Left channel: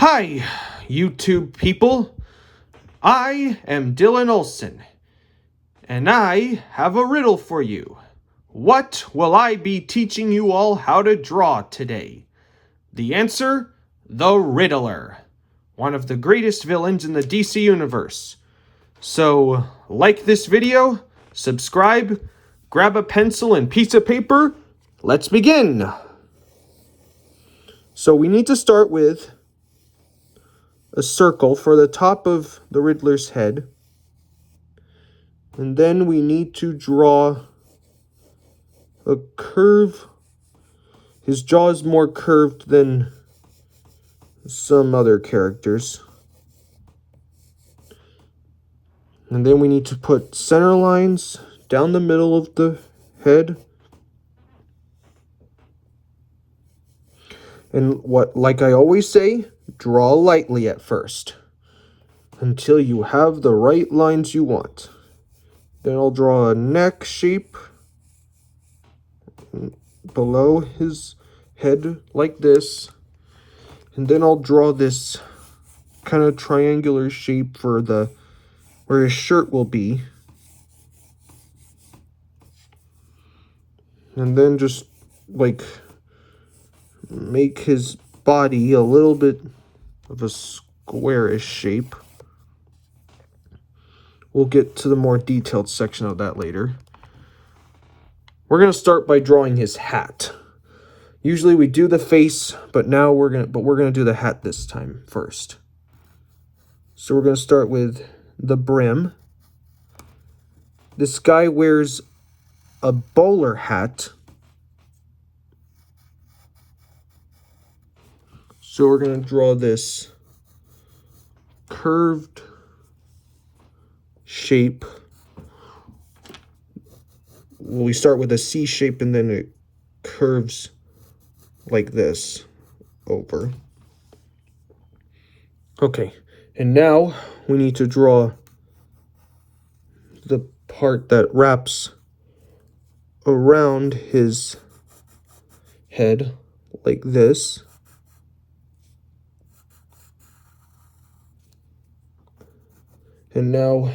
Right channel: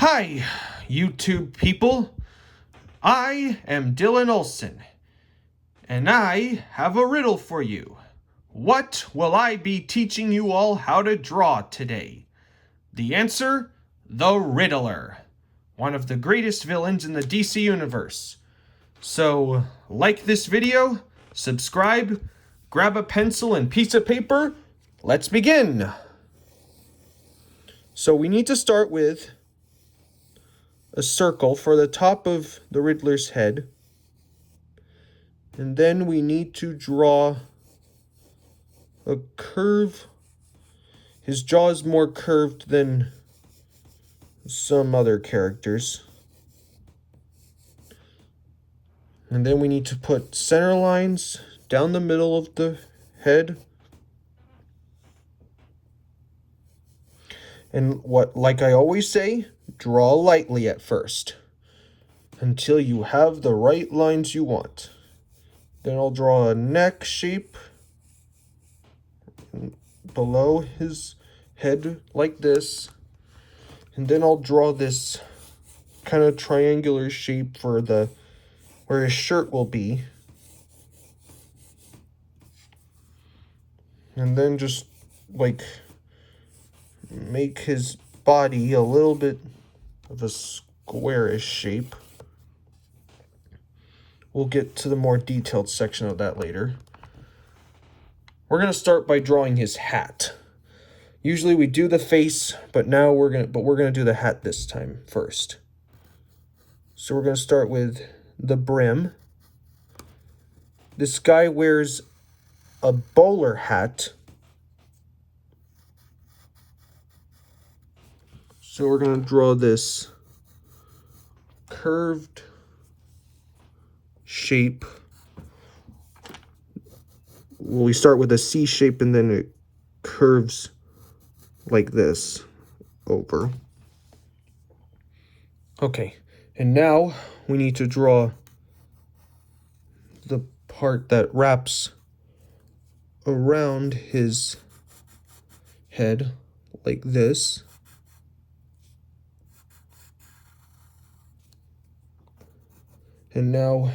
Hi, YouTube people. I am Dylan Olson, and I have a riddle for you. What will I be teaching you all how to draw today? The answer? The Riddler, one of the greatest villains in the DC universe. So, like this video, subscribe, grab a pencil and piece of paper. Let's begin. So we need to start with a circle for the top of the Riddler's head. And then we need to draw a curve. His jaw is more curved than some other characters. And then we need to put center lines down the middle of the head. And like I always say, draw lightly at first until you have the right lines you want. Then I'll draw a neck shape below his head like this. And then I'll draw this kind of triangular shape for where his shirt will be. And then just like make his body a little bit of a squarish shape. We'll get to the more detailed section of that later. We're going to start by drawing his hat. Usually we do the face, but we're going to do the hat this time first. So we're going to start with the brim. This guy wears a bowler hat. So we're going to draw this curved shape. Well, we start with a C shape and then it curves like this over. Okay, and now we need to draw the part that wraps around his head like this. And now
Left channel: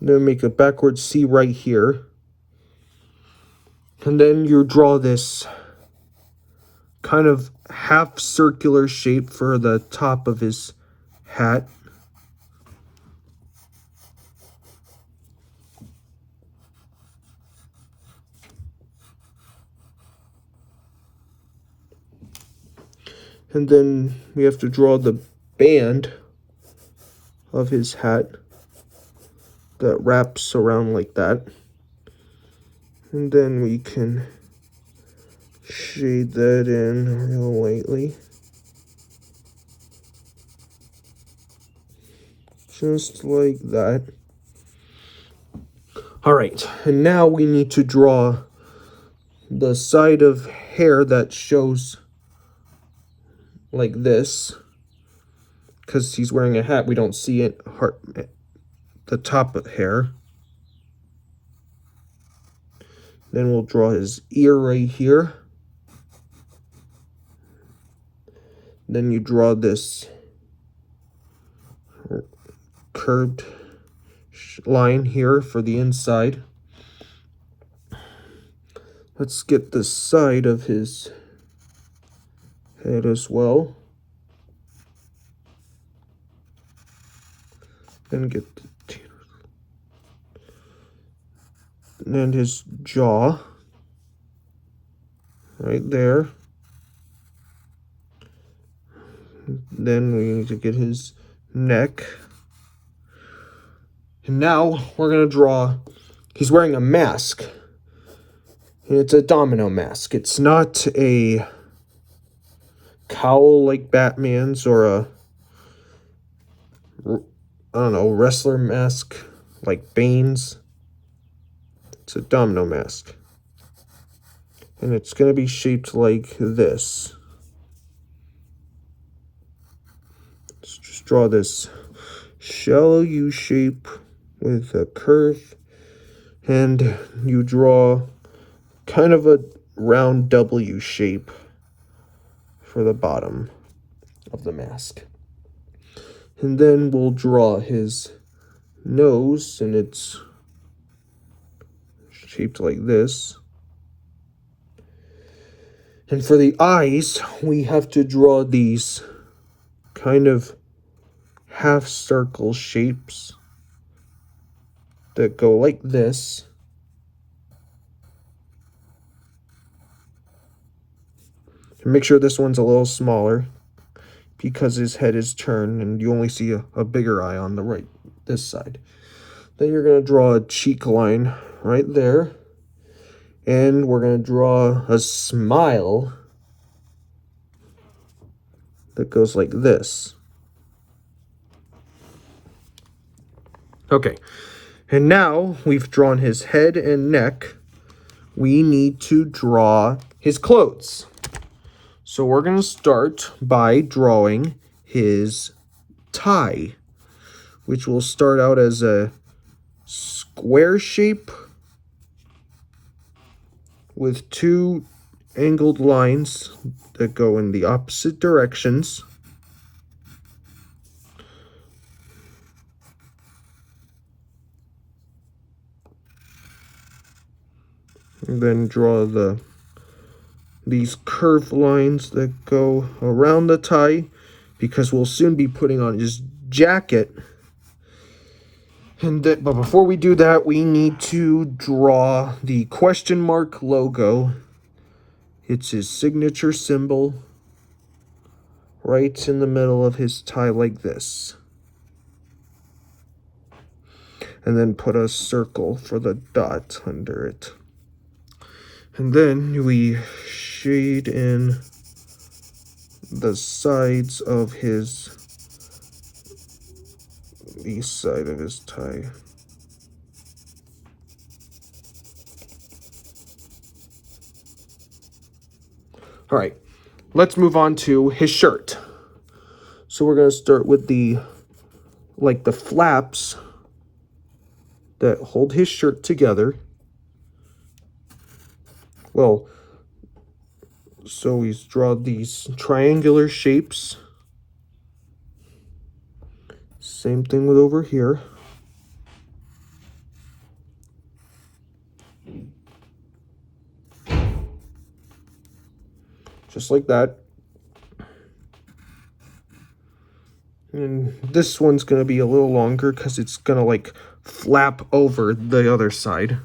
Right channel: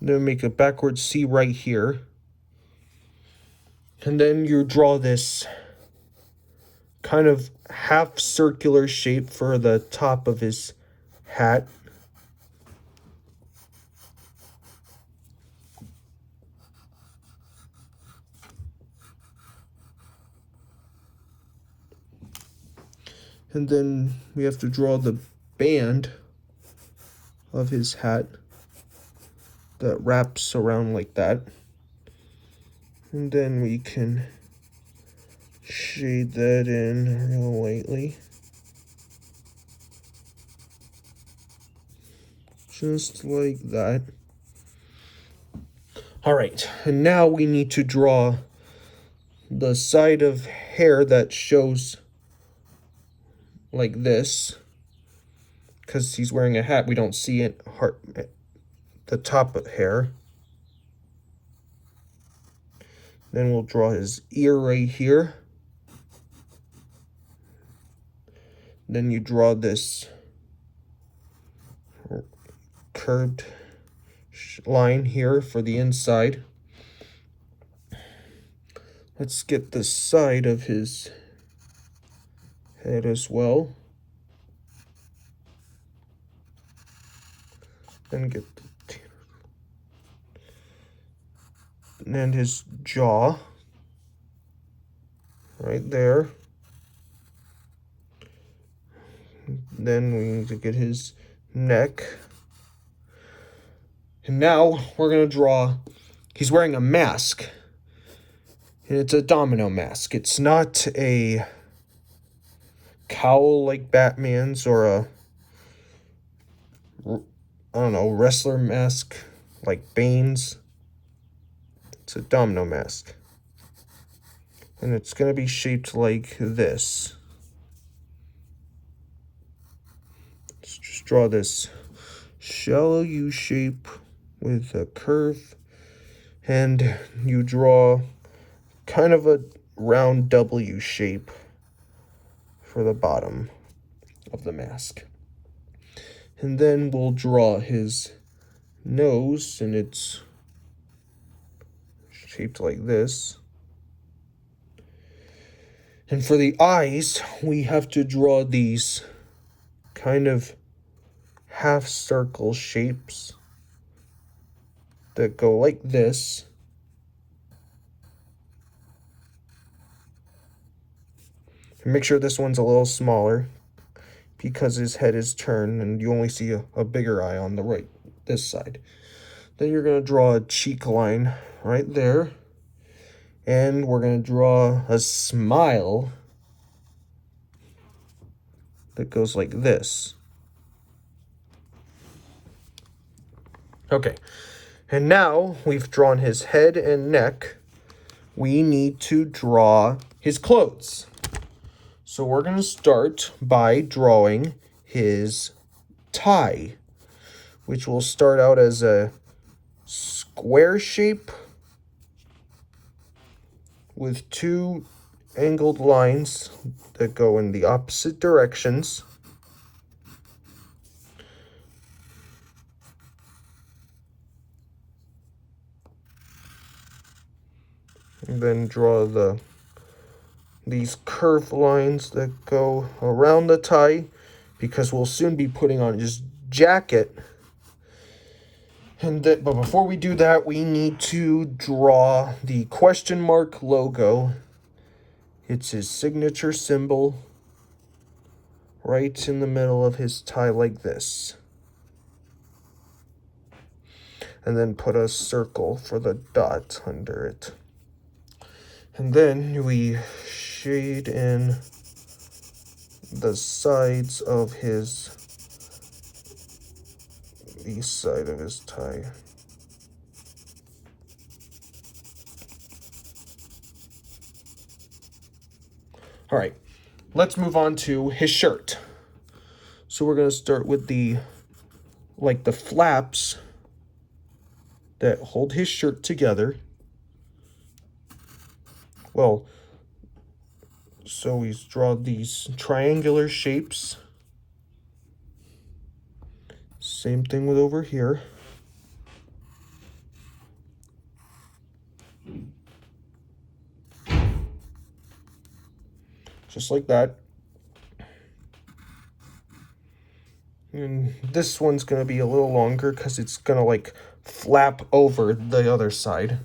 then make a backward C right here. And then you draw this kind of half circular shape for the top of his hat. And then we have to draw the band of his hat that wraps around like that. And then we can shade that in real lightly. Just like that. All right, and now we need to draw the side of hair that shows like this. Because he's wearing a hat, we don't see it, the top of hair. Then we'll draw his ear right here. Then you draw this curved line here for the inside. Let's get the side of his head as well. And get the and his jaw right there. Then we need to get his neck. And now we're going to draw, he's wearing a mask. And it's a domino mask. It's not a cowl like Batman's or a, I don't know, wrestler mask like Bane's. It's a domino mask. And it's going to be shaped like this. Let's just draw this shallow U shape with a curve And you draw kind of a round W shape for the bottom of the mask. And then we'll draw his nose, and it's shaped like this. And for the eyes, we have to draw these kind of half circle shapes that go like this. And make sure this one's a little smaller because his head is turned and you only see a bigger eye on the right, this side. Then you're going to draw a cheek line right there. And we're going to draw a smile that goes like this. Okay, and now we've drawn his head and neck. We need to draw his clothes. So we're going to start by drawing his tie, which will start out as a square shape with two angled lines that go in the opposite directions. And then draw these curved lines that go around the tie, because we'll soon be putting on his jacket. But before we do that, we need to draw the question mark logo. It's his signature symbol right in the middle of his tie like this. And then put a circle for the dot under it. And then we shade in the sides of the side of his tie. All right, let's move on to his shirt. So we're going to start with the flaps that hold his shirt together. Well, so we draw these triangular shapes. Same thing with over here. Just like that. And this one's going to be a little longer because it's going to like flap over the other side.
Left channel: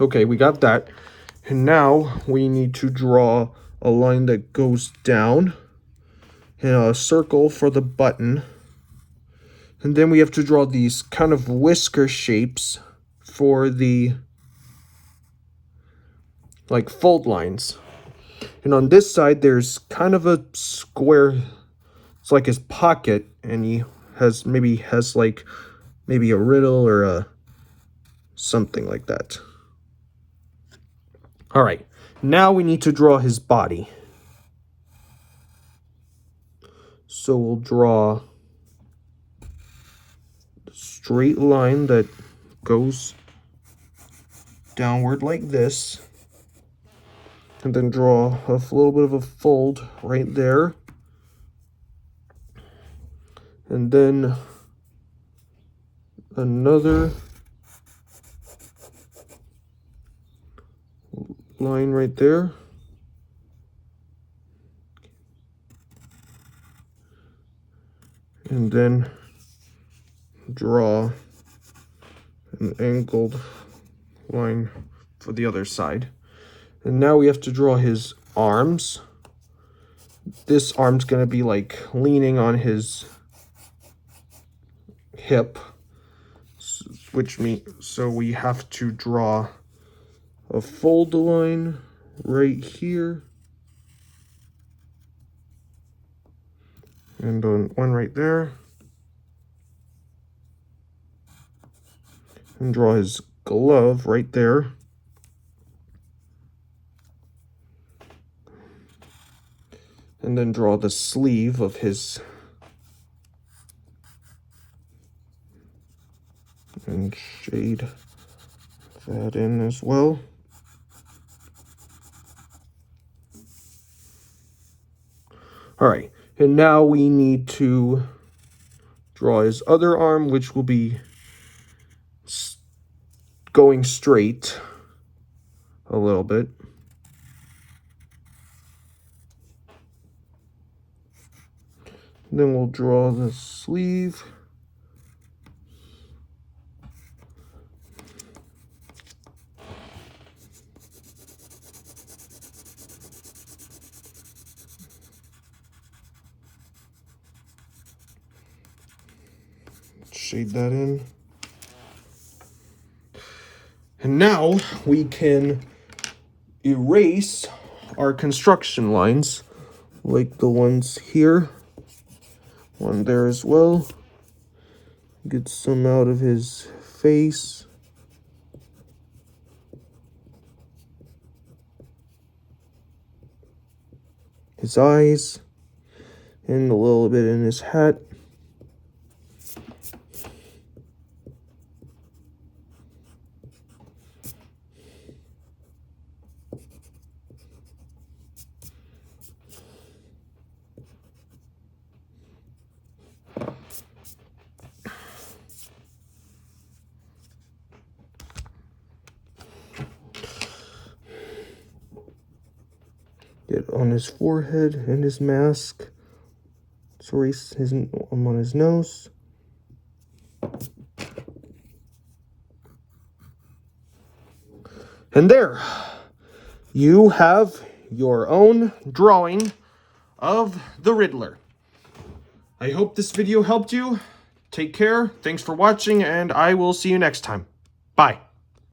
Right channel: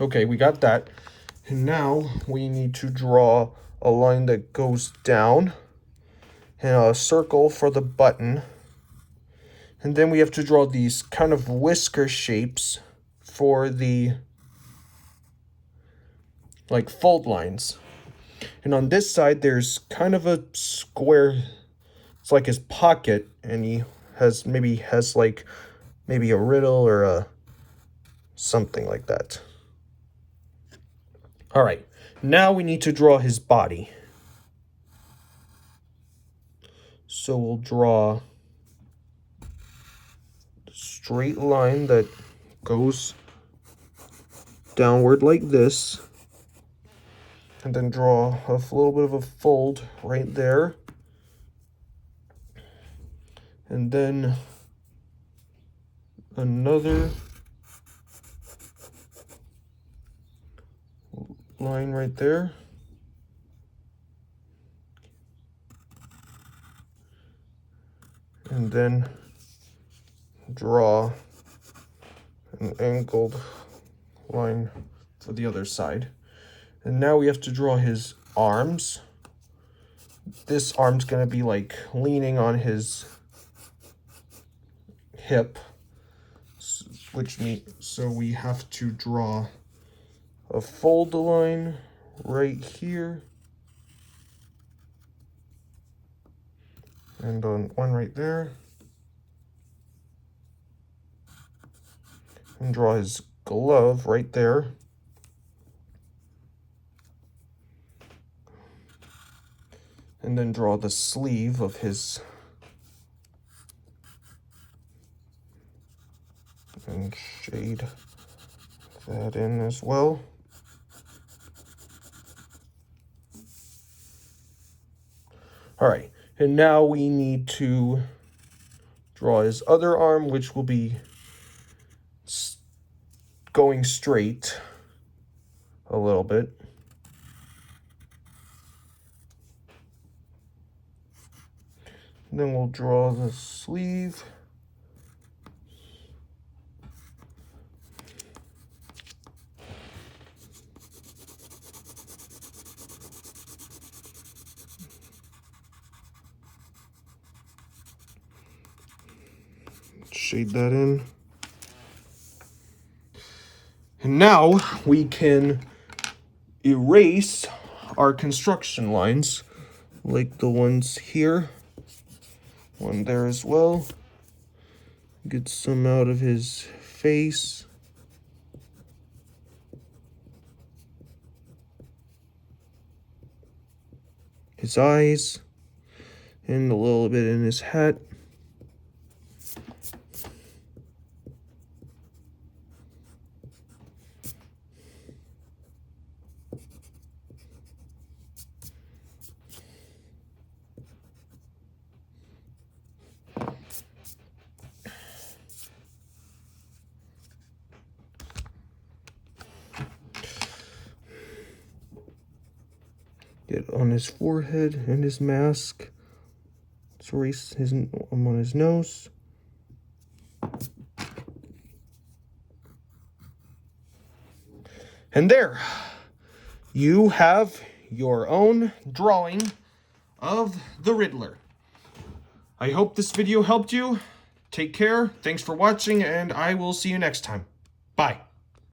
Okay, we got that. And now we need to draw a line that goes down and a circle for the button. And then we have to draw these kind of whisker shapes for the fold lines. And on this side, there's kind of a square, it's like his pocket, and he maybe has a riddle or something like that. All right, now we need to draw his body. So we'll draw a straight line that goes downward like this, and then draw a little bit of a fold right there. And then another line right there. And then draw an angled line for the other side. And now we have to draw his arms. This arm's going to be like leaning on his hip, so we have to draw a fold line right here, and one right there, and draw his glove right there. And then draw the sleeve of his, and shade that in as well. All right, and now we need to draw his other arm, which will be going straight a little bit. Then we'll draw the sleeve. Shade that in. And now we can erase our construction lines, like the ones here, one there as well. Get some out of his face. His eyes, and a little bit in his hat. Get on his forehead and his mask. Let's erase his on his nose. And there, you have your own drawing of the Riddler. I hope this video helped you. Take care, thanks for watching, and I will see you next time. Bye.